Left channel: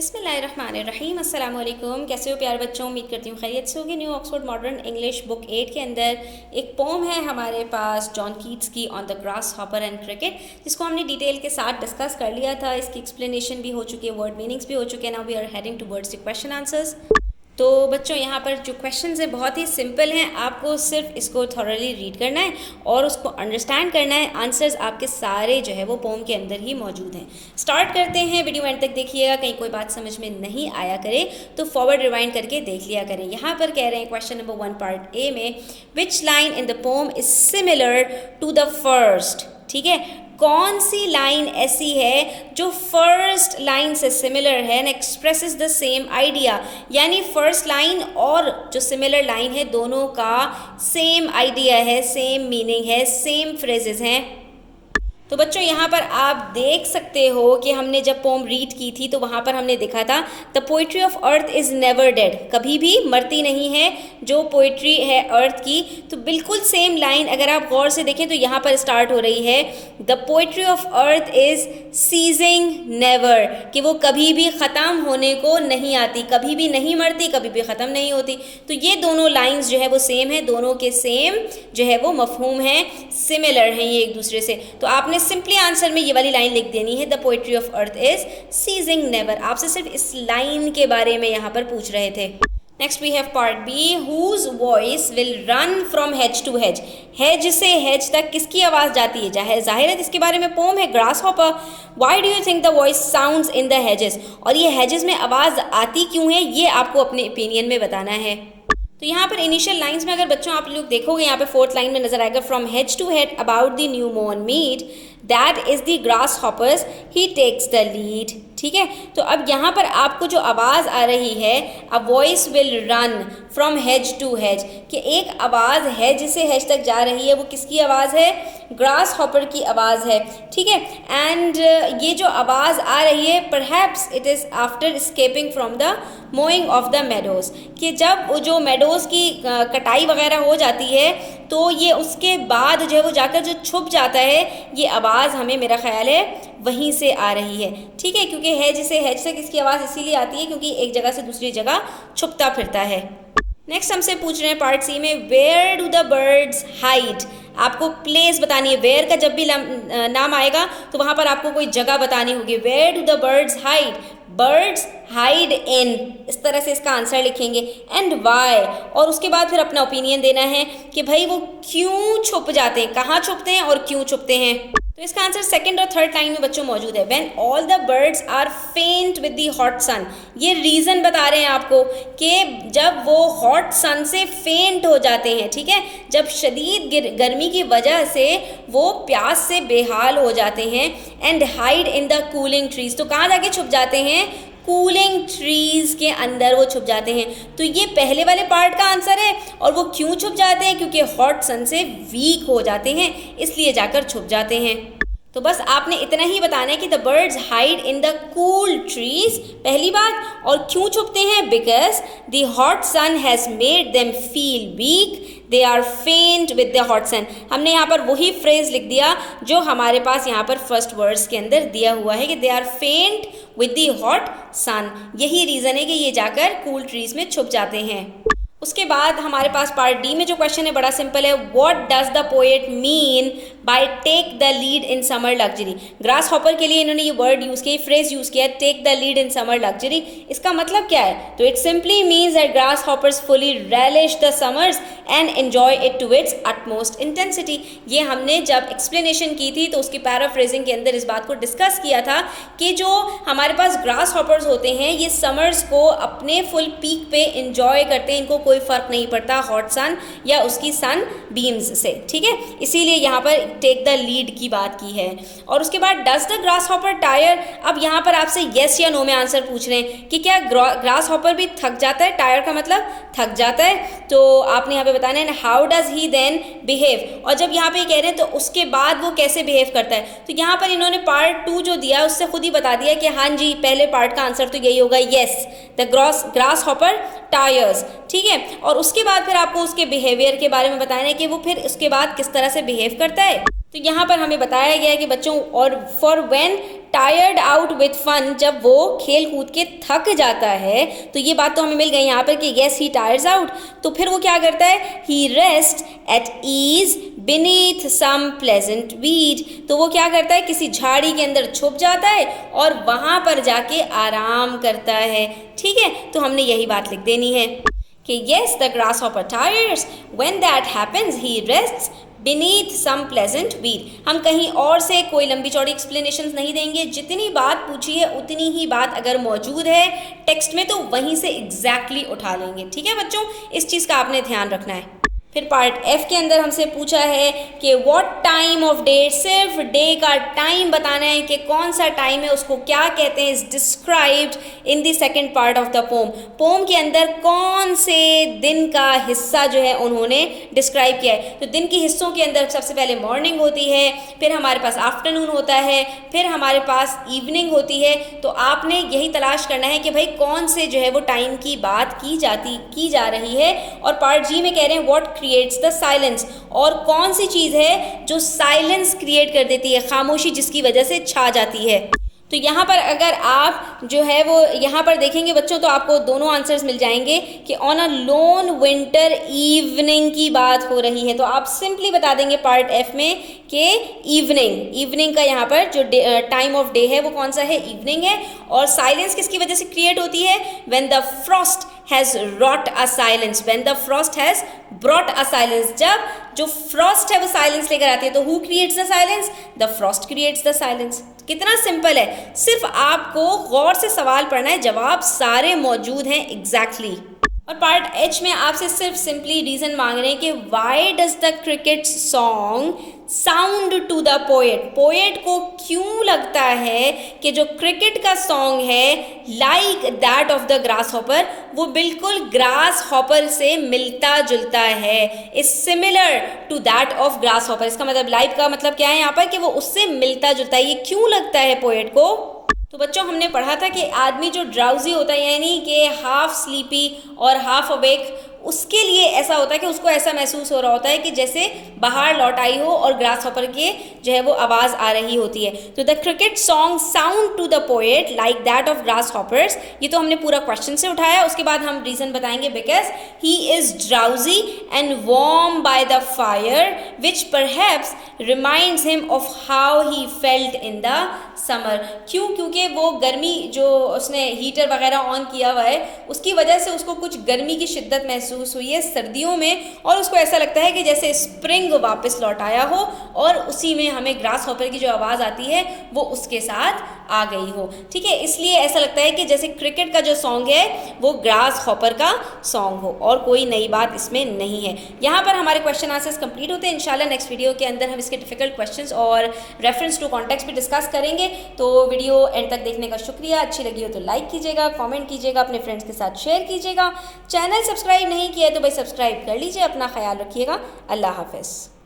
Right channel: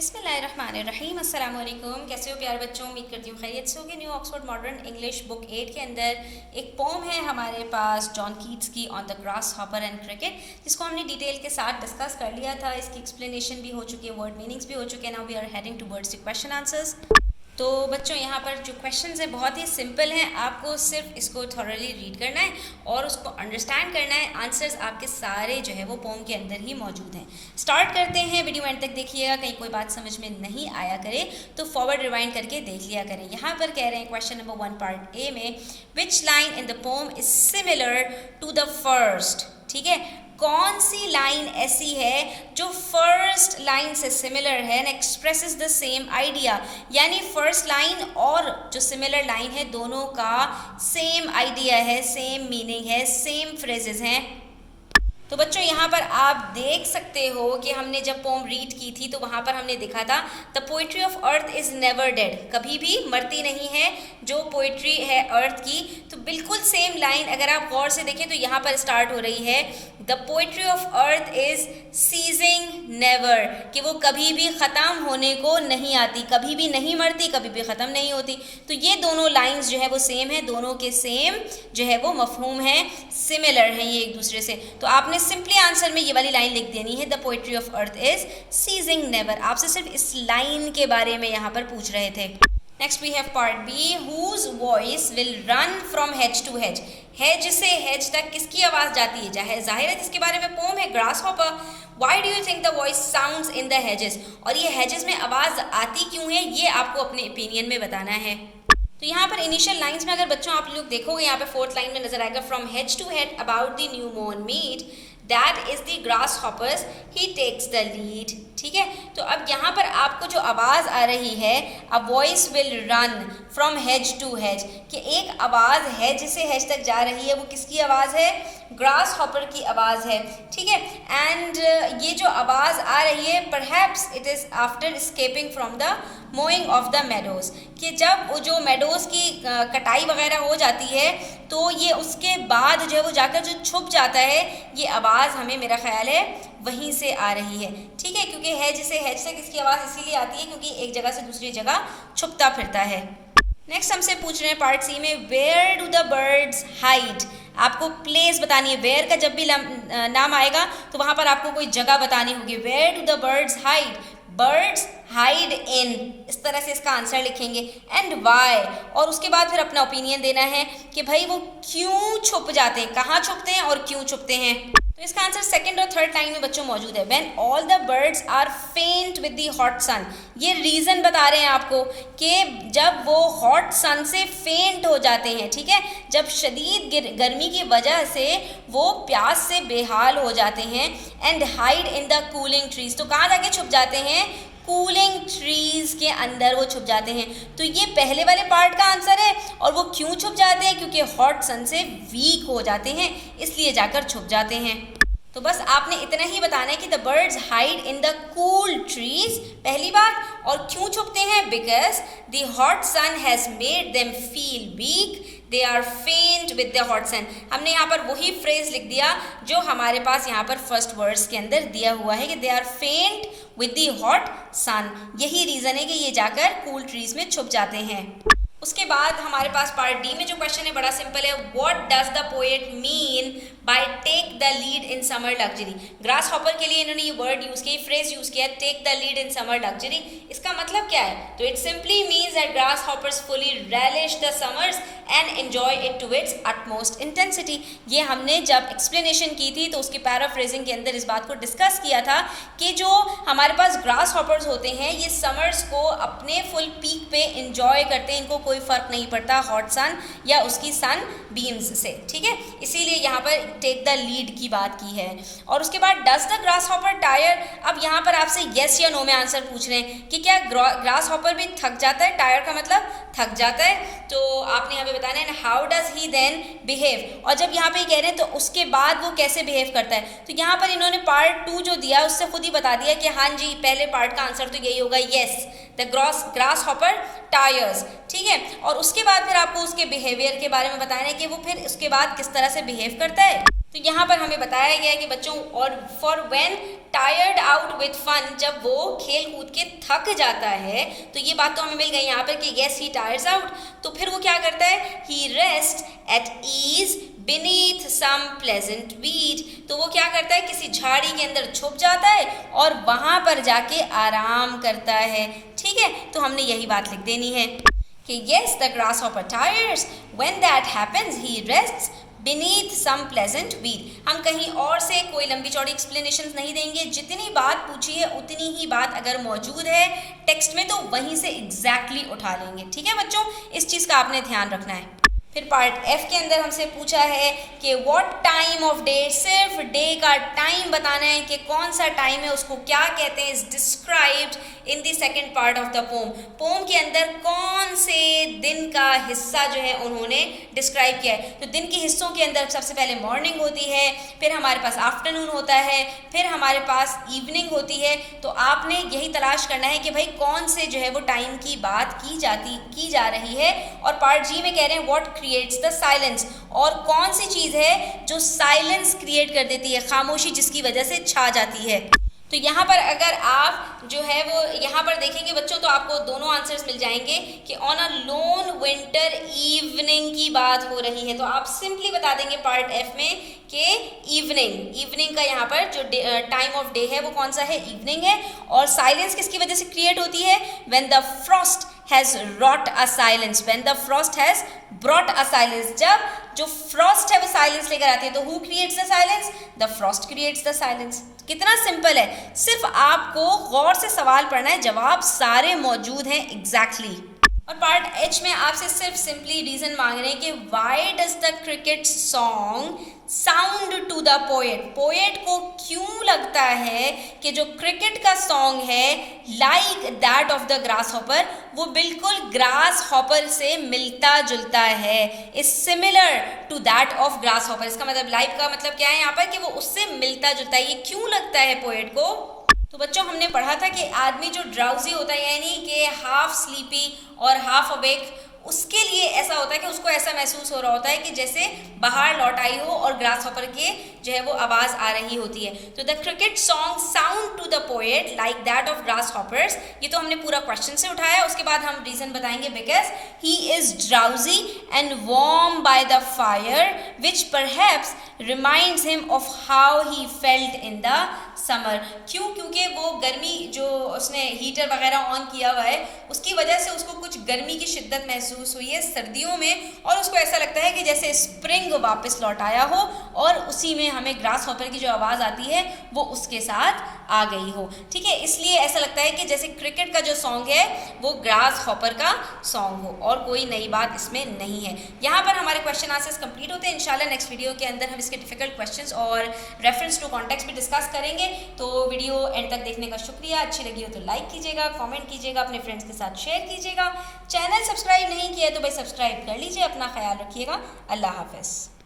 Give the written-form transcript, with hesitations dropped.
बिस्मिल्लाहिर्रहमानिर्रहीम अस्सलाम वालेकुम। कैसे हो प्यारे बच्चों, उम्मीद करती हूँ खैरियत से होगी। New Oxford modern English book 8 के अंदर एक पोम है हमारे पास जॉन कीट्स की on the grass hopper and cricket, जिसको हमने डिटेल के साथ डिस्कस कर लिया था। इसकी एक्सप्लेनेशन भी हो चुकी है, वर्ड मीनिंग्स भी हो चुके हैं। Now we are heading towards the question answers. तो बच्चों यहाँ पर जो क्वेश्चंस हैं बहुत ही सिंपल हैं, आपको सिर्फ इसको थॉरली रीड करना है और उसको अंडरस्टैंड करना है। आंसर्स आपके सारे जो है वो पोम के अंदर ही मौजूद हैं। स्टार्ट करते हैं, वीडियो एंड तक देखिएगा, कहीं कोई बात समझ में नहीं आया करे तो फॉरवर्ड रिवाइंड करके देख लिया करें। यहाँ पर कह रहे हैं क्वेश्चन नंबर 1 पार्ट ए में, which line in the poem is similar to the first. ठीक है, कौन सी लाइन ऐसी है जो फर्स्ट लाइन से सिमिलर है and expresses the same idea, यानी फर्स्ट लाइन और जो सिमिलर लाइन है दोनों का सेम आइडिया है, सेम मीनिंग है, सेम फ्रेजेस हैं। तो बच्चों यहाँ पर आप देख सकते हो कि हमने जब पोम रीड की थी तो वहाँ पर हमने देखा था the poetry of earth is never dead, कभी भी मरती नहीं है जो पोइट्री है अर्थ की। तो बिल्कुल सेम लाइन अगर आप गौर से देखें तो यहाँ पर स्टार्ट हो रही है the poetry of earth is ceasing never, कि वो कभी भी ख़त्म होने को नहीं आती, कभी भी नहीं मरती, कभी भी ख़त्म नहीं होती। तो ये दोनों लाइंस जो है वो सेम है, दोनों के सेम जो है वो मफहूम है, सिमिलर हैं ये एक दूसरे से। तो आपने सिंपली आंसर में ये वाली लाइन लिख देनी है, the poetry of earth is ceasing never. आपसे सिर्फ इस लाइन के बारे में यहाँ पर पूछ रहे थे। Next we have part B, whose voice will run from hedge to hedge. Hedge से हेज तक किसकी आवाज़ जाती है? जाहिर है जिसके बारे में पोम है, grass hopper. Why do you think the voice sounds in the hedges, और ये हेजेस में आवाज़ आती क्यों है ये आपको अपने ओपिनियन में बताना है। तो यहाँ पर इनिशियल लाइंस में अगर बच्चों आप लोग देखोगे, यहाँ पे 4th लाइन में नजर आएगा, from hedge to head about the new मॉर्न mead that is the grasshoppers he takes the lead. ठीक है, तो अब यहाँ पर आपको जो आवाज़ आ रही है, a voice will run from hedge to hedge, कि एक आवाज़ हेज से हेज तक जा रही है, वो किसकी आवाज़ है? ग्रास हॉपर की आवाज़ है। ठीक है, एंड ये जो आवाज़ आ रही है, perhaps it is after escaping from the moving of the meadows, कि जब वो जो मेडोज़ की कटाई वगैरह हो जाती है तो ये उसके बाद जो है वो जाकर जो छुप जाता है, ये आवाज़ हमें मेरा ख्याल है वहीं से आ रही है। ठीक है, क्योंकि हेज से किसकी आवाज़ इसीलिए आती है क्योंकि एक जगह से दूसरी जगह छुपता फिरता है। नेक्स्ट हमसे पूछ रहे हैं पार्ट सी में, where do the birds hide. आपको प्लेस बतानी है, वेयर का जब भी नाम आएगा तो वहाँ पर आपको कोई जगह बतानी होगी। Where do the birds hide, birds hide in, इस तरह से इसका आंसर लिखेंगे। एंड वाई, और उसके बाद फिर अपना ओपिनियन देना है कि भाई वो क्यों छुप जाते हैं, कहाँ छुपते हैं और क्यों छुपते हैं। तो इसका आंसर 2nd और 3rd लाइन में बच्चों मौजूद है। When all the birds are faint with the hot sun, ये रीज़न बता रहे हैं आपको कि जब वो हॉट सन से फेंट हो जाते हैं, ठीक है, जब शदीद गर्मी की वजह से वो प्यास से बेहाल हो जाते हैं। And hide in the cooling trees, तो कहाँ जाके छुप जाते हैं? कूलिंग ट्रीज के अंदर वो छुप जाते हैं। तो ये पहले वाले पार्ट का आंसर है, और वो क्यों छुप जाते हैं? क्योंकि हॉट सन से वीक हो जाते हैं, इसलिए जाकर छुप जाते हैं। तो बस आपने इतना ही बताना है कि the birds hide in the cool trees, पहली बात, और क्यों छुपते हैं? Because the hot sun has made them feel weak, they are faint with the hot sun. हमने यहाँ पर वही फ्रेज लिख दिया जो हमारे पास यहाँ पर फर्स्ट वर्ड्स के अंदर दिया हुआ है कि दे are faint with the hot सन। यही रीज़न है कि ये जाकर कूल ट्रीज में छुप जाते हैं। उसके बाद हमारे पास पार्ट डी में जो क्वेश्चन है बड़ा सिंपल है, what does the poet mean by take the lead in summer luxury. Grasshopper के लिए इन्होंने ये वर्ड यूज़ किया, फ्रेज यूज़ किया, take the lead in summer luxury. इसका मतलब क्या है? तो it simply means that grasshoppers fully relish the summers and enjoy it to its utmost intensity. ये हमने जब एक्सप्लेनेशन की थी तो उसकी पैराफ्रेजिंग के अंदर इस बात को डिस्कस किया था कि जो हमारे पास ग्रास हॉपर्स होते हैं ये समर्स को अपने फुल पीक पे इंजॉय करते हैं, इनको कोई फ़र्क नहीं पड़ता हॉट सन या उसकी सन बीम्स से। ठीक है, इसीलिए यहाँ पर टेक द लीड की बात की है। और उसके बाद does the grass hopper tyre. अब यहाँ पर आपसे येस या नो में आंसर पूछ रहे हैं कि क्या ग्रास हॉपर भी थक जाता है? टायर का मतलब थक जाता है। तो आपने यहाँ पे बताना है how does he then behave, और जब यहाँ पे कह रहे हैं तो उसके बाद वो कैसे बिहेव करता है। तो यहाँ पर इन्होंने पार्ट 2 जो दिया उससे खुद ही बता दिया कि हाँ जी पहले पार्ट का आंसर तो यही होगा, yes the grass hopper tyres. ठीक है, और उसके बाद फिर आपको उसके बिहेवियर के बारे में बताना है कि वो फिर उसके बाद किस तरह से बिहेव करता है। तो यहाँ पर हमें बताया गया है कि बच्चों, और for when tired out with fun, जब वो खेल कूद के थक जाता है, तो ये बात तो हमें मिल गई यहाँ पर कि येस ही टायर्स आउट, तो फिर वो क्या करता है, he rest at ease beneath some pleasant weed, तो वो क्या करता है, किसी झाड़ी के अंदर छुप जाता है और वहाँ पर जाके आराम करता है। ठीक है, तो हमने यही बात लिख देनी है कि yes the grasshopper tires, when that happens he rests beneath some pleasant weed। हम कहीं और से कोई लंबी चौड़ी एक्सप्लेनेशन नहीं देंगे, जितनी बात पूछी है उतनी ही बात अगर मौजूद है टेक्स्ट में तो वहीं से एग्जैक्टली उठा लेंगे। ठीक है बच्चों, इस चीज़ का आपने ध्यान रखना है। फिर पार्ट एफ के अंदर हमसे पूछा है कि व्हाट टाइम ऑफ डे, सिर्फ डे का टाइम बताना है कि कौन सा टाइम है, उसको क्या कहते हैं, is described in the second part of the poem. Poem के अंदर कौन से दिन का हिस्सा जो है उन्होंने डिस्क्राइब किया है। तो दिन के हिस्सों के अंदर सबसे पहले मॉर्निंग होती है, फिर हमारे पास आफ्टरनून होता है, फिर हमारे पास इवनिंग होती है। तो आपने यही तलाश करना है कि भाई कौन से जो है वो टाइम की बात की जा रही है। और पार्ट जी में कह रहे हैं व्हाट क्रिएट्स द साइलेंस, और कौन सी चीज़ है जो साइलेंस क्रिएट कर देती है, खामोशी जिसकी वजह से छा जाती है। तो यहाँ पर अगर आप जो है वो यहाँ पर देखेंगे बच्चों तो आपको दोनों आंसर्स मिल जाएंगे कि on a loan winter evening की बात हो रही है। तो आप सिंपली बता देंगे पार्ट एफ में कि इवनिंग का यहाँ पर जो टाइम ऑफ डे है वो कौन सा है, इवनिंग है। और साइलेंस किसकी वजह से क्रिएट होती है, when the Frost has wrote a silence, when the Frost has brought a silence, जब जो फ्रॉस्ट है वो साइलेंस लेकर आती है। तो who creates the silence, the Frost creates the silence. कितना सिंपल है, सिर्फ आपको गौर से सवाल पढ़ना है, जवाब सारे मौजूद हैं एग्जैक्टली। और पार्ट एच में आपसे सिर्फ सिंपली रीजन मांग रहे हैं कि why does the cricket song sound to the poet, poet को क्यों लगता है कि जो क्रिकेट का सॉन्ग है like that of the grasshopper, वो बिल्कुल ग्रास हॉपर से मिलता जुलता है, is similar to that of grasshopper. इसका मतलब लाइक का मतलब क्या है यहाँ पर कि वो उससे मिलता जुलता है। ये क्यों लगता है पोएट को, तो बच्चों हमने पढ़ा था कि आदमी जो ड्राउजी होता है यानी कि हाफ स्लीपी और हाफ अवेक, उसके लिए ऐसा होता है कि उसको ऐसा महसूस हो रहा होता है कि जैसे बाहर लौट आई हो और ग्रास हॉपर के जो है वो आवाज़ आ रही होती है। तो the cricket song sound to the poet like that of grasshoppers, ये तो हमने पूरा क्वेश्चन से उठाया। उसके बाद हम रीज़न बताएंगे because he is drowsy and warm by the fire which perhaps reminds him of how he felt in the summer. क्यों, क्योंकि वो गर्मी जो उसने हीटर वगैरह ऑन किया हुआ है उसकी वजह से उसको कुछ गर्मी की शिद्दत महसूस हुई है सर्दियों में, और उसको ऐसा लगता है कि जैसे स्प्रिंग वापस लौट आया हो और उसी में हमें ग्रास हॉपर की जो आवाज़ आती है वो उसके साथ आ गई हो। ठीक है, इसलिए ऐसा लगता है कि जैसे क्रिकेट का जो सॉन्ग है वो ग्रास हॉपर का सॉन्ग हो, और कोई नई बात इसमें नहीं है। यहाँ पर हमारे क्वेश्चन आंसर्स कंप्लीट होते हैं। इंशाल्लाह नेक्स्ट वीडियो के अंदर हम इसके डिफिकल्ट क्वेश्चंस और रेफरेंस टू कॉन्टेक्स्ट भी डिस्कस करेंगे। तो वीडियो एंड तक देखने का शुक्रिया। अच्छी लगी हो तो लाइक कीजिएगा, कमेंट कीजिएगा, अपने फ्रेंड्स के साथ शेयर कीजिएगा। चैनल सब्सक्राइब नहीं किया तो भाई सब्सक्राइब कर लीजिए। अपना ख्याल रखिएगा। अल्लाह हाफ़िज़।